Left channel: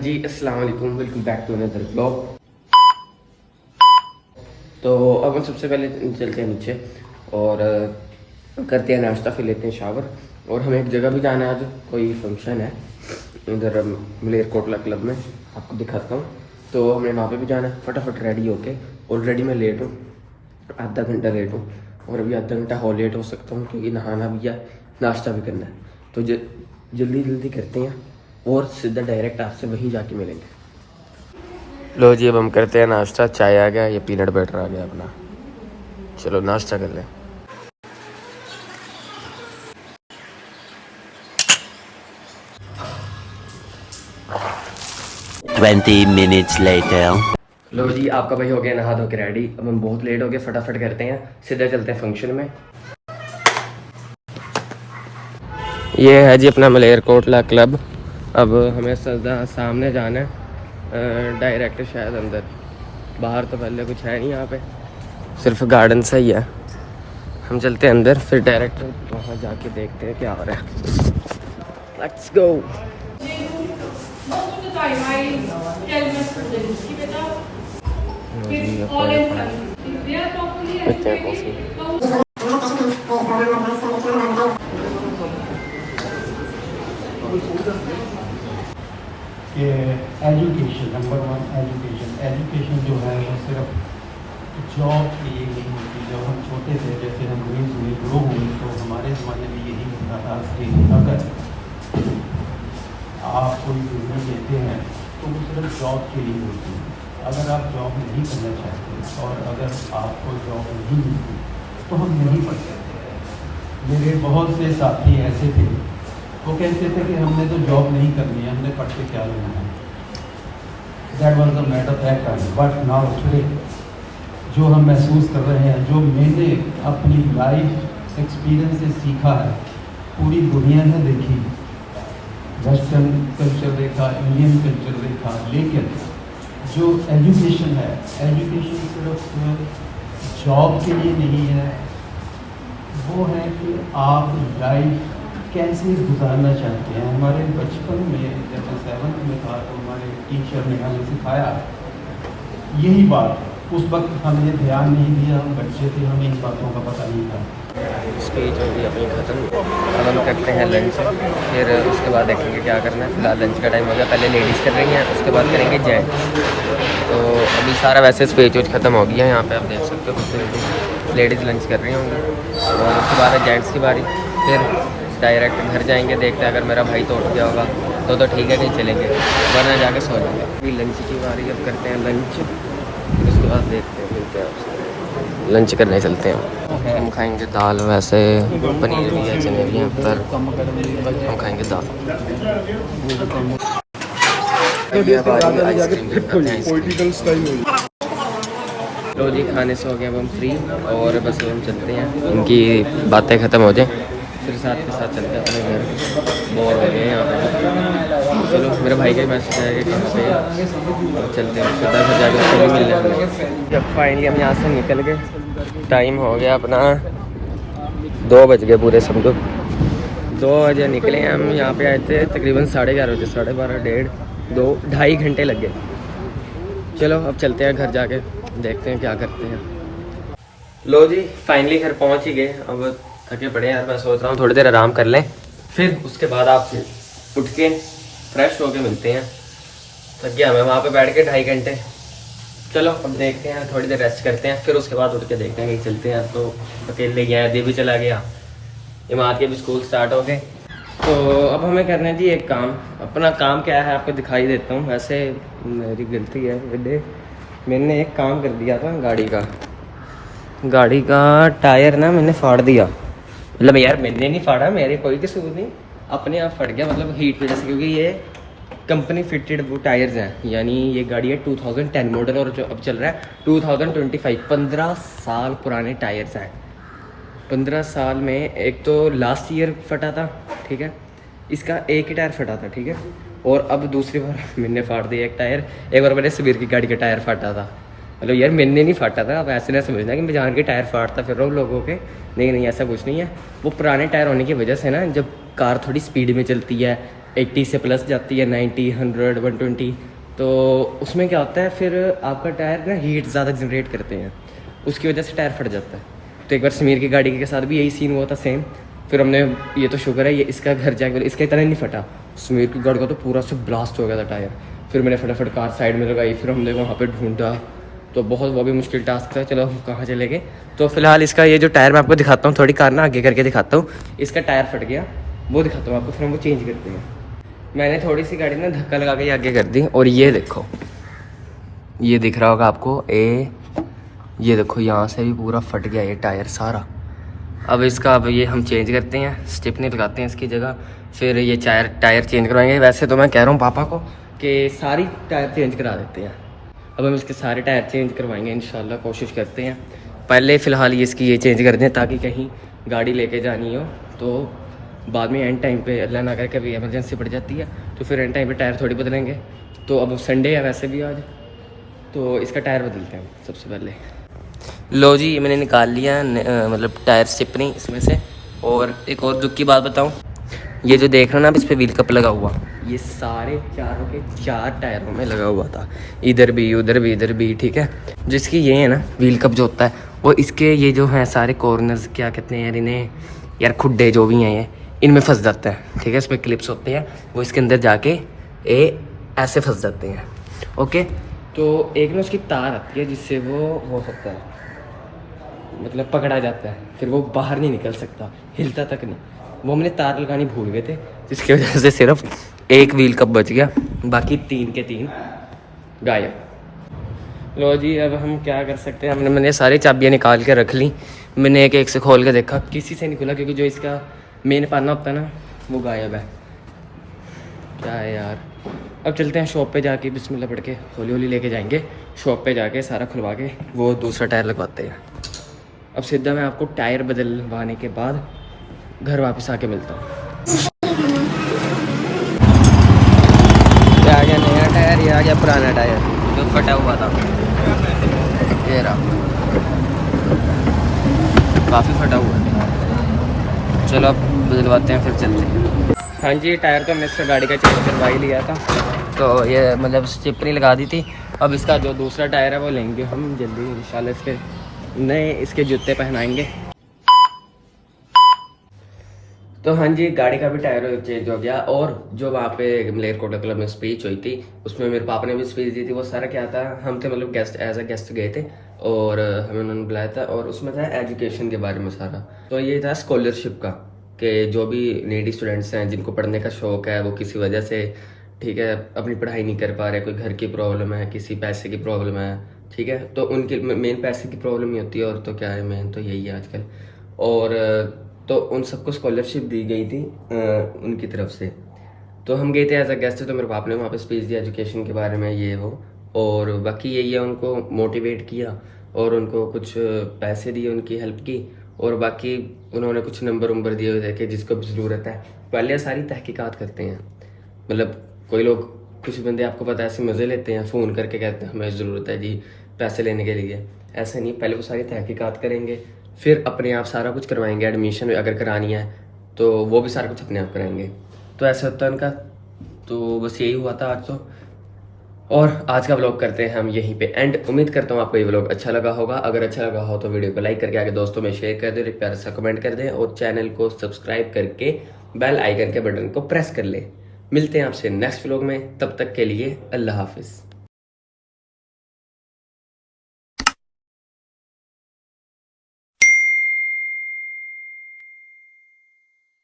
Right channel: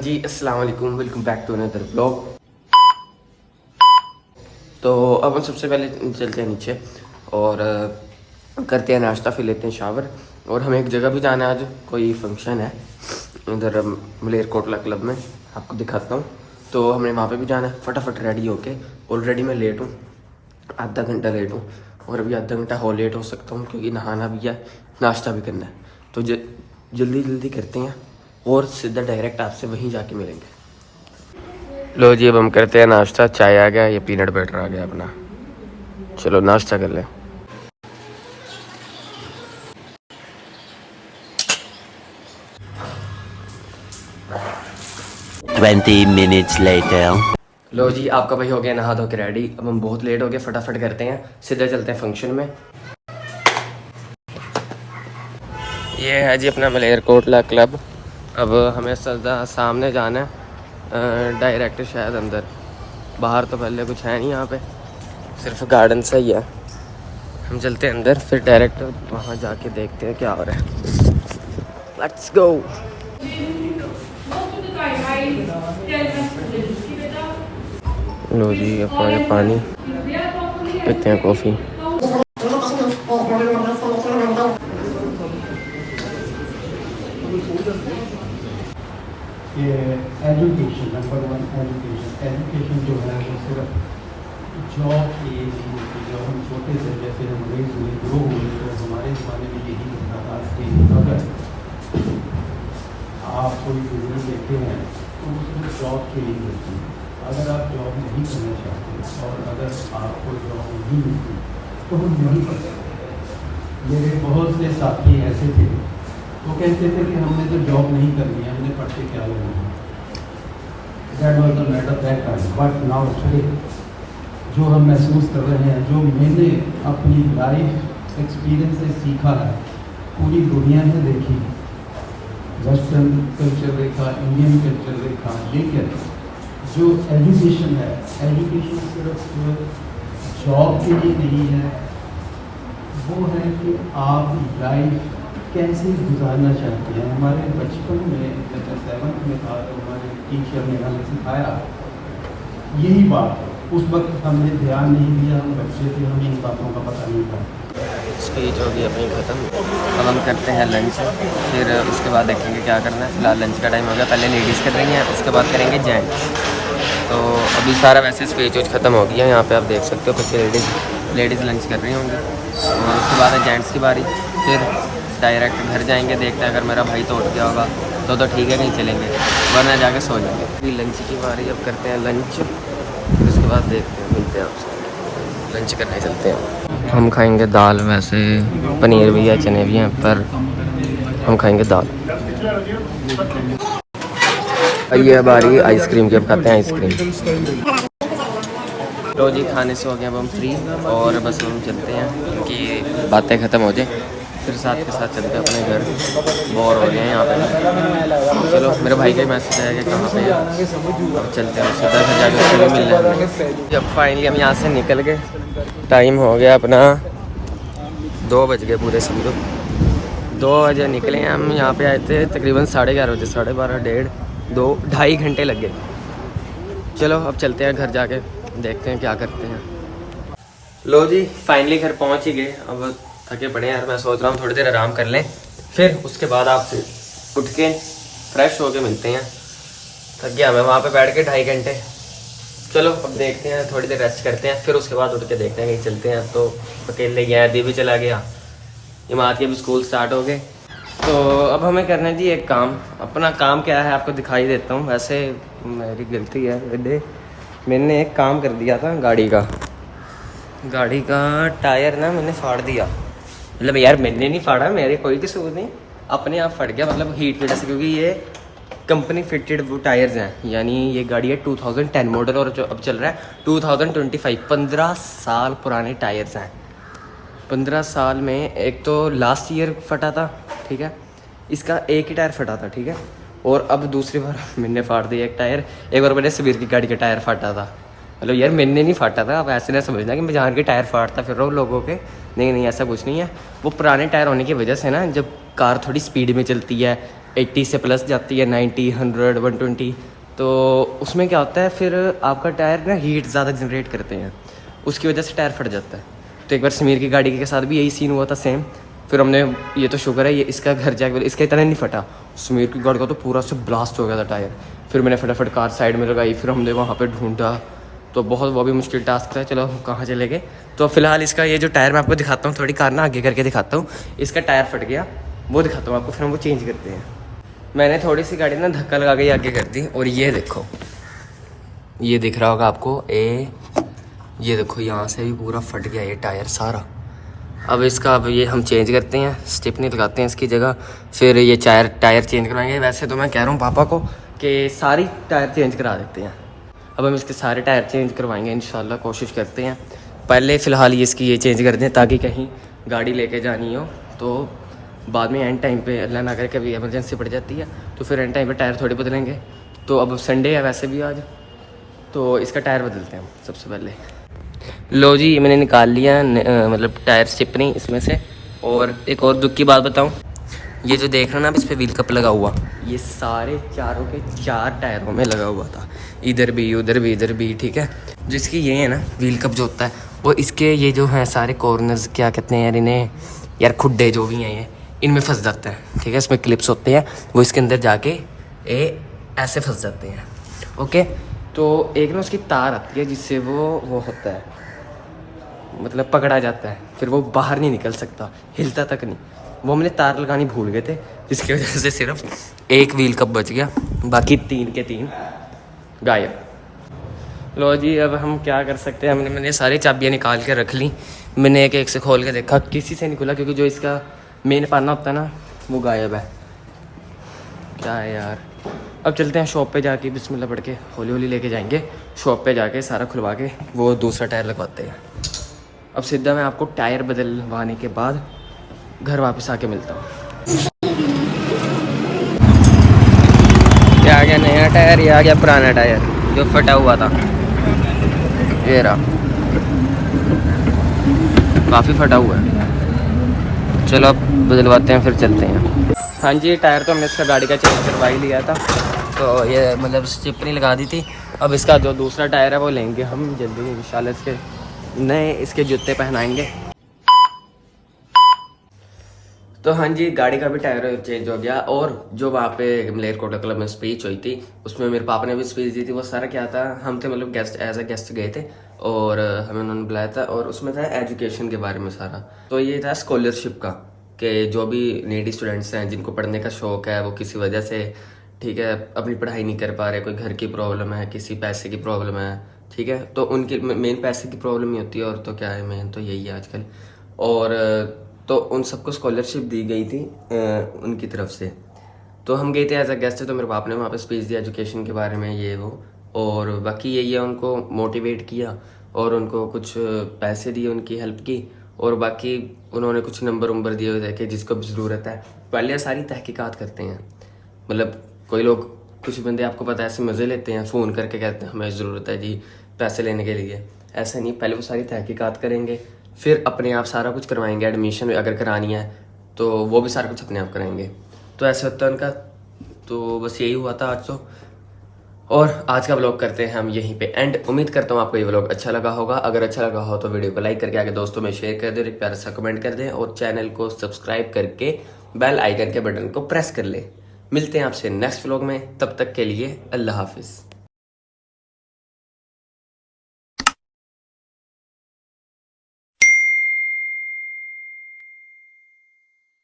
जी अस्सलाम वालेकुम, welcome back to another blog. तो अब हम सबसे पहले चलते हैं नीचे और करते हैं नाश्ता, फिर लेते हैं शावर। और हमें एक जगह भी जाना है, आज कोई फंक्शन है इधर मलेरकोटला क्लब में, आपको दिखाता हूँ। तो हमने वहाँ पे भी जाना है। फटाफट रेडी होके, ऑलरेडी मैं लेट हूँ, आधा घंटा लेट हूँ और अभी आधा घंटा और लेट हो सकता हूँ क्योंकि नहाना भी है, नाश्ता भी करना है। तो जल्दी जल्दी करते हैं और सीधा डायरेक्ट आपसे वहीं जाके मिलेंगे। लो जी, अब हम करते हैं नाश्ता। चाय आ गया, ये पीनट बटर आ गया अपना। चलो नाश्ता कर लें। 20 minutes later. लो जी, आपका भाई हो गया नहा धो के रेडी। अब हम बहुत लेट हो गए, फटाफट करते हैं, सीधा चलते हैं फंक्शन में। ये है जी अपना मलेरकोटला क्लब। अब हमें सीधा सामने जाना है, डायरेक्ट शायद अंदर। बाहर तो पहले कुछ है नहीं, यहाँ पे सिर्फ गार्डन से ही है। हम चलते हैं अंदर, फिर डायरेक्ट वहाँ जाके देखते हैं क्या हो रहा है। Let's go. लो जी, अपना ये पानी पीते हैं, कॉफ़ी। ये एजुकेशन, नंबर वन एजुकेशन जो है वो सिर्फ जॉब के लिए नहीं होती। जब हम छोटे थे, जैसे हम रेज हुए, ग्रो हुए, तो हमारे ज़माने में यही होता था कि अगर आप कोई बिजनेस देते हैं तो वो सिर्फ जॉब के लिए होती है। अगर आप जॉब नहीं करना चाहते और अगर आपको जॉब नहीं मिलती तो हम नहीं पढ़ सकते। मेरे बहुत से साथी ऐसे थे, वो कहते थे कि हमने तो जॉब नहीं करनी है, हमने पढ़ के क्या लेना है। That was the matter that time. But now today जो हम महसूस कर रहे हैं, जो मैंने अपनी लाइफ एक्सपीरियंस से सीखा है, पूरी दुनिया में देखी, वेस्टर्न कल्चर देखा, इंडियन कल्चर देखा, लेकिन जो एजुकेशन है, एजुकेशन सिर्फ जॉब के लिए नहीं है, वो है कि आप लाइफ कैसे गुजारना चाहते हैं। हमारे बचपन में जब मैं 7th में था तो हमारे टीचर ने हमें सिखाया यही बात। उस वक्त हमने ध्यान नहीं दिया, हम बच्चे थे, हमें इन बातों का पता नहीं था। स्पीच होगी अपनी ख़त्म। अब हम करते हैं लंच, फिर उसके बाद देखेंगे क्या करना है। फिलहाल लंच का टाइम हो गया, पहले लेडीज़ कर रही हैं, उसके बाद करेंगे जेंट्स। तो अभी सारा वैसे स्पीच वोच ख़त्म हो गया है। यहाँ पे आप देख सकते हो कुछ लेडीज़ लंच कर रही होंगी और उसके बाद है जेंट्स की बारी। फिर डायरेक्ट घर जाएंगे, देखते हैं अगर मेरा भाई तो उठ गया होगा तो ठीक है, कहीं चलेंगे, वरना जाके सो जाएंगे। अभी लंच की बारी, अब करते हैं लंच, फिर उसके बाद देखते हैं, मिलते हैं आपसे। लंच करने चलते हैं। हम खाएंगे दाल, वैसे पनीर भी है, चने भी हैं, पर हम खाएंगे दाल। ये बारी आइसक्रीम की, अब खाते हैं आइसक्रीम। लो जी, खाने से हो गए अब हम फ्री और बस हम चलते हैं, उनकी बातें ख़त्म हो जाए फिर साथ के साथ चलते हैं अपने घर। बोर हो रहे हैं यहाँ पे। चलो, मेरे भाई का ही मैसेज आया कि कहाँ पे है। अब चलते हैं, हम सीधा घर जाकर उससे भी मिलना है हमें। जब फाइनली हम यहाँ से निकल गए, टाइम हो गया अपना 2 बज गए पूरे, समझो 2 बजे निकले हैं हम। यहाँ पे आए थे तकरीबन 11:30 बजे, 12:30, 2-2.5 घंटे लग गए। चलो अब चलते हैं घर, जाके देखते हैं क्या करते हैं। लो जी, फाइनली घर पहुँच ही गए। अब थके पड़े यार, मैं सोच रहा हूँ थोड़ी देर आराम कर लें, फिर उसके बाद आपसे उठ के फ्रेश होके मिलते हैं। थक गया मैं वहाँ पे बैठ के 2.5 घंटे। चलो अब देखते हैं, थोड़ी देर रेस्ट करते हैं, फिर उसके बाद उठ के देखते हैं कहीं चलते हैं। तो अकेले गया, दी भी चला गया, इमाद के भी स्कूल स्टार्ट हो गए। तो अब हमें करना है जी एक काम। अपना काम क्या है आपको दिखाई देता हूँ। वैसे मेरी गलती है, मैंने एक काम कर दिया था, गाड़ी का टायर ना मैंने फाड़ दिया। मतलब यार मैंने नहीं फाड़ा, मेरे कोई कसूर नहीं, अपने आप फट गया, मतलब हीट वजह से। क्योंकि ये कंपनी फिटेड वो टायर्स हैं, यानी ये गाड़ी है 2010 मॉडल और जो अब चल रहा है 2025। 15 साल पुराने टायर्स हैं। 15 साल में एक तो लास्ट ईयर फटा था, ठीक है, इसका एक ही टायर फटा था, ठीक है, और अब दूसरी बार मैंने फाड़ दिया एक टायर। एक बार मैंने सबीर की गाड़ी का टायर फाटा था। मतलब यार मैंने नहीं फाटा था, अब ऐसे ना समझना कि मैं जान के टायर फाड़ता फिर रहा हूँ लोगों के। नहीं नहीं, ऐसा कुछ नहीं है। वो पुराने टायर होने की वजह से ना, जब कार थोड़ी स्पीड में चलती है 80 से प्लस जाती है, 90, 100, 120, तो उसमें क्या होता है फिर आपका टायर ना हीट ज़्यादा जनरेट करते हैं, उसकी वजह से टायर फट जाता है। तो एक बार समीर की गाड़ी के साथ भी यही सीन हुआ था सेम। फिर हमने, ये तो शुक्र है ये इसका घर जाके, इसका इतना नहीं फटा, समीर की गाड़ी का तो पूरा से ब्लास्ट हो गया था टायर। फिर मैंने फटाफट कार साइड में लगाई, फिर हमने वहाँ पे ढूंढा, तो बहुत वो भी मुश्किल टास्क था। चलो कहाँ चले गए, तो फिलहाल इसका ये जो टायर मैं आपको दिखाता हूँ, थोड़ी कार ना आगे करके दिखाता हूँ। इसका टायर फट गया, वो दिखाता हूँ आपको, फिर हम वो चेंज करते हैं। मैंने थोड़ी सी गाड़ी ना धक्का लगा के आगे कर दी, और ये देखो, ये दिख रहा होगा आपको, ये देखो यहाँ से भी पूरा फट गया ये टायर सारा। अब इसका ये हम चेंज करते हैं, स्टिपनी लगाते हैं इसकी जगह, फिर ये टायर चेंज करवाएंगे। वैसे तो मैं कह रहा हूँ पापा को कि सारी टायर चेंज करा देते हैं। अब हम इसके सारे टायर चेंज करवाएंगे इंशाल्लाह, कोशिश करते हैं। पहले फ़िलहाल इसकी ये चेंज कर दें, ताकि कहीं गाड़ी लेके जानी हो तो बाद में एंड टाइम पे अल्लाह ना करे कभी इमरजेंसी पड़ जाती है, तो फिर एंड टाइम पे टायर थोड़ी बदलेंगे। तो अब संडे है वैसे भी आज, तो इसका टायर बदलते हैं सबसे पहले। लो जी, मैंने निकाल लिया मतलब टायर स्टिपनी इसमें से। और एक और दुख की बात बताऊं, ये जो देख रहे हो ना आप, इस पर व्हील कप लगा हुआ, ये सारे चारों के 4 टायरों में लगा हुआ था, इधर भी उधर भी इधर भी, ठीक है। जिसकी ये है ना व्हील कप जो होता है, वो इसके ये जो हैं सारे कॉर्नर्स, क्या कहते हैं यार इन्हें, यार खुड्डे जो भी हैं ये, इनमें फंस जाता है, ठीक है। इसमें क्लिप्स होते हैं, वो इसके अंदर जाके ऐसे फंस जाते हैं, ओके। तो एक ना उसकी तार आती है जिससे वो होता है, मतलब पकड़ा जाता है, फिर वो बाहर नहीं निकल सकता, हिलता तक नहीं। वो हमने तार लगानी भूल गए थे, जिसकी वजह से सिर्फ एक व्हील कप बच गया, बाकी 3 के 3 गायब। लो जी, अब हम क्या कर सकते हैं, मैंने सारी चाबियाँ निकाल के रख ली। मैंने एक से खोल के देखा, किसी से नहीं खुला, क्योंकि जो इसका मेन पाना होता है ना वो गायब है। क्या है यार, अब चलते हैं शॉप पे जाके, बिस्मिल्लाह पढ़ के हौली हौली लेके जाएंगे शॉप पे जाके, सारा खुलवा के वो दूसरा टायर लगवाते हैं। अब सीधा मैं आपको टायर बदलवाने के बाद घर वापस आके मिलता हूँ। ये आ गया नया टायर, ये आ गया पुराना टायर जो फटा हुआ था, ये रहा, काफ़ी फटा हुआ है। चलो अब बदलवाते हैं, फिर चलते हैं। हाँ जी, टायर तो हमने इसका गाड़ी का चेंज करवा ही लिया था, तो ये मतलब स्टिपनी लगा दी थी। अब इसका जो दूसरा टायर है वो लेंगे हम जल्दी इंशाल्लाह, इसके नए इसके जूते पहनाएंगे। तो हाँ जी, गाड़ी का भी टायर चेंज हो गया। और जो वहाँ पे मलेरकोटला क्लब में स्पीच हुई थी, उसमें मेरे पापा ने भी स्पीच दी थी। वो सारा क्या था, हम थे मतलब गेस्ट, एज अ गेस्ट गए थे, और हमें उन्होंने बुलाया था, और उसमें था एजुकेशन के बारे में सारा। तो ये था स्कॉलरशिप का, कि जो भी नीडी स्टूडेंट्स हैं, जिनको पढ़ने का शौक है, वो किसी वजह से, ठीक है, अपनी पढ़ाई नहीं कर पा रहे, कोई घर की प्रॉब्लम है, किसी पैसे की प्रॉब्लम है, ठीक है, तो उनकी मेन पैसे की प्रॉब्लम ही होती है, और तो क्या है, मेन तो यही है आजकल। और तो उन सबको स्कॉलरशिप दी गई थी उनकी तरफ से। तो हम गए थे एज अ गेस्ट, तो मेरे बाप ने वहाँ पे स्पीच दिया एजुकेशन के बारे में, ये वो। और बाकी यही है, उनको मोटिवेट किया और उनको कुछ पैसे दिए, उनकी हेल्प की, और बाकी उन्होंने कुछ नंबर दिए हुए थे कि जिसको भी ज़रूरत है। पहले सारी तहकीकात करते हैं, मतलब कोई लोग, कुछ बंदे आपको पता है ऐसे मज़े लेते हैं, फ़ोन करके कहते हैं हमें ज़रूरत है जी पैसे लेने के लिए। ऐसे नहीं, पहले वो सारी तहकीकात करेंगे, फिर अपने आप सारा कुछ करवाएंगे। एडमिशन अगर करानी है तो वो भी सारा कुछ अपने आप कराएंगे। तो ऐसे होता है उनका। तो बस यही हुआ था आज तो। और आज का व्लॉग करते हैं हम यहीं पे एंड। उम्मीद करता हूँ आपको ये व्लॉग अच्छा लगा होगा। अगर अच्छा लगा हो तो वीडियो को लाइक करके आगे दोस्तों में शेयर कर दें, एक प्यारा सा कमेंट कर दें, और चैनल को सब्सक्राइब करके बेल आइकन के बटन को प्रेस कर ले। मिलते हैं आपसे नेक्स्ट व्लॉग में, तब तक के लिए अल्लाह हाफिज़।